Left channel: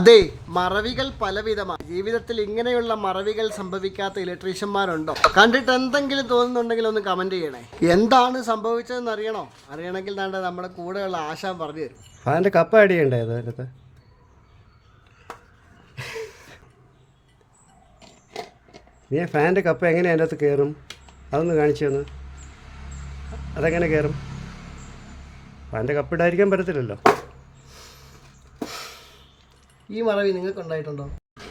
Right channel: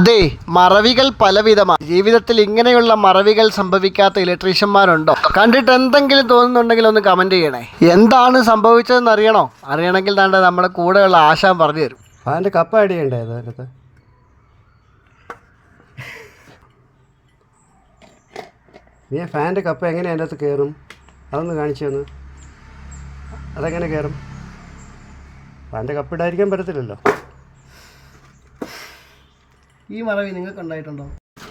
അതെ, മറവികൾ പലവിധമാണ്. ജീവിതത്തിൽ ഇങ്ങനെയുള്ള മറവികൾ സംഭവിക്കാത്ത ഇലക്ട്രീഷ്യന്മാരുണ്ടോ? കണ്ടിട്ട് എന്തെങ്കിലും തോന്നുന്നുണ്ടെങ്കിൽ ഒന്ന് കമന്റ് ചെയ്യണേ. എന്താണ് സംഭവിച്ചതെന്ന് അറിയണമെങ്കിൽ നമ്മുടെ കൂടെയുള്ള ആശാൻ പറഞ്ഞു തരും. ഫാൻ്റെ കപ്പ അടിയണ്ടേ അതിനകത്ത്? നീ ഫാൻ്റെ കപ്പ എങ്ങനെ അതിൻ്റെ അകത്ത് കയറും? അതൊന്ന് കാണിച്ചു തന്നു. അതെങ്ങനെ കയറും? ഫാൻ്റെ കപ്പ ഇടാതിരിക്കാൻ പറ്റത്തില്ലല്ലോ. ഈ മറവി നിങ്ങൾക്ക് ഉണ്ടായിട്ടുണ്ടോ?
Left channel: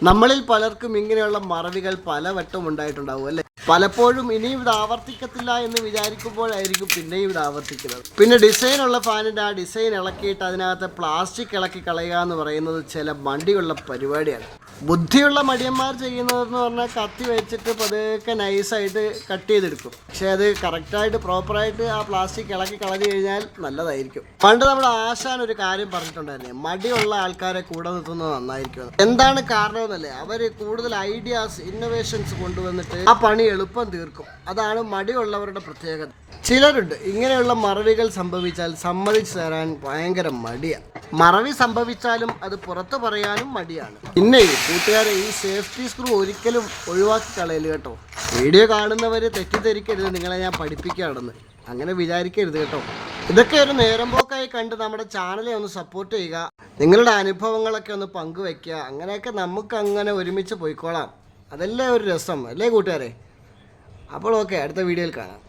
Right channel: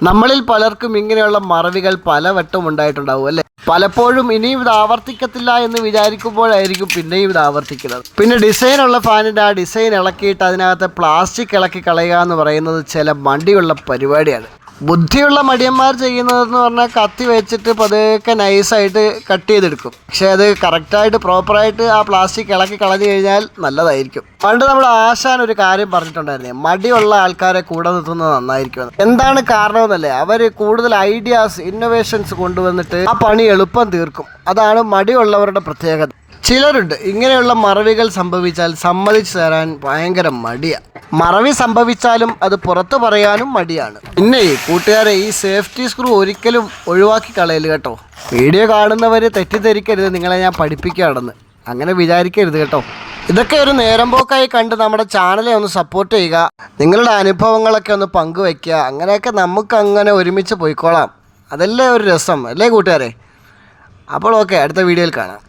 നമ്മളിൽ പലർക്കും ഇങ്ങനെയുള്ള മറവികൾ പലവട്ടം ഉണ്ടായിട്ടുണ്ടാവും അല്ലേ? പലപ്പോഴും ഇനിയും ഇത് ആവർത്തിക്കത്തില്ല എന്ന് വിചാരിക്കുമ്പോഴായിരിക്കും പിന്നെയും ഇത് ആവർത്തിക്കുന്നത്. പിന്നെ ഡിസൈനുള്ള ഫാനിൻ്റെ ആ ഡിസൈൻ ഇളക്കിയിട്ട് അതിനകത്ത് പ്ലാസ്റ്റിക് ഇളക്കി കളയുക എന്ന് പറയുന്നത് ചില മടിയുള്ള പരിപാടിയാണ്. ബുദ്ധിയുള്ള മടിയന്മാർ ചെയ്യുന്നതെന്ന് പറഞ്ഞാൽ കത്തി വെച്ചിട്ട് പതുക്കെ നൈസായിട്ട് കട്ട് ചെയ്തെടുക്കും. പക്ഷെ അത് കറക്റ്റായിട്ട് പ്രോപ്പറായിട്ട് ആ പ്ലാസ്റ്റിക് ഇളക്കി കളഞ്ഞു കഴിഞ്ഞാൽ നല്ലതായിരിക്കും. പണ്ട് നമ്മുടെ ആശാൻ ഒരു കാര്യം പറഞ്ഞിട്ടുണ്ടായിരുന്നേ, മടിയുള്ള ആൾക്കാരെ കൂടെ നിർത്തുന്നത് നന്നായിരിക്കും. എന്താണ് കാരണമെന്നല്ലേ, അവർ കൂടുതൽ ഐഡിയാസ് ഇന്നോവേഷൻസ് കൊണ്ടുവന്നിട്ട് ആ പണി എളുപ്പം തീർക്കും. അതാണ് മടിയുള്ളവരുടെ പ്രത്യേകത. ചിലരുണ്ട് ഇങ്ങനെയുള്ള മറവികൾ സംഭവിച്ചാൽ സമ്മതിച്ചു തരാൻ ഭയങ്കര മടിയാണ്. മറവി സംഭവിച്ചാലും അത് പുറത്തു പറയാനും മടിയാണ്. പിന്നെ കൂട്ടുകാരെ, ഈ സേഫ്റ്റി സ്ക്രൂ ഒരിക്കലും ഒഴിവാക്കി കളയല് കേട്ടോ. വീഡിയോ കാണുന്നവർ തെറ്റിദ്ധരിക്കരുത്, നിങ്ങളെ ഞാൻ പഠിപ്പിക്കുകയാണെന്ന് അങ്ങനെ വിചാരിക്കരുത് കേട്ടോ. ഇതൊക്കെ ഒരു നേരം പോക്കായി കണ്ട് നമ്മുടെ ചാനലെ ഒന്ന് സപ്പോർട്ട് ചെയ്യുക. നിങ്ങളുടെ അനുഭവങ്ങളൊക്കെ ഒന്ന് പങ്കുവയ്ക്കുക. അങ്ങനെയൊക്കെ നമുക്ക് അങ്ങനെ ഒരുമിച്ച് പോയിക്കോളാം. അതല്ലേ ഒരു രസം അല്ലേ കൂട്ടുകാരെ? അപ്പോൾ ഓക്കെ, അടുത്ത വീഡിയോയിൽ കാണാം.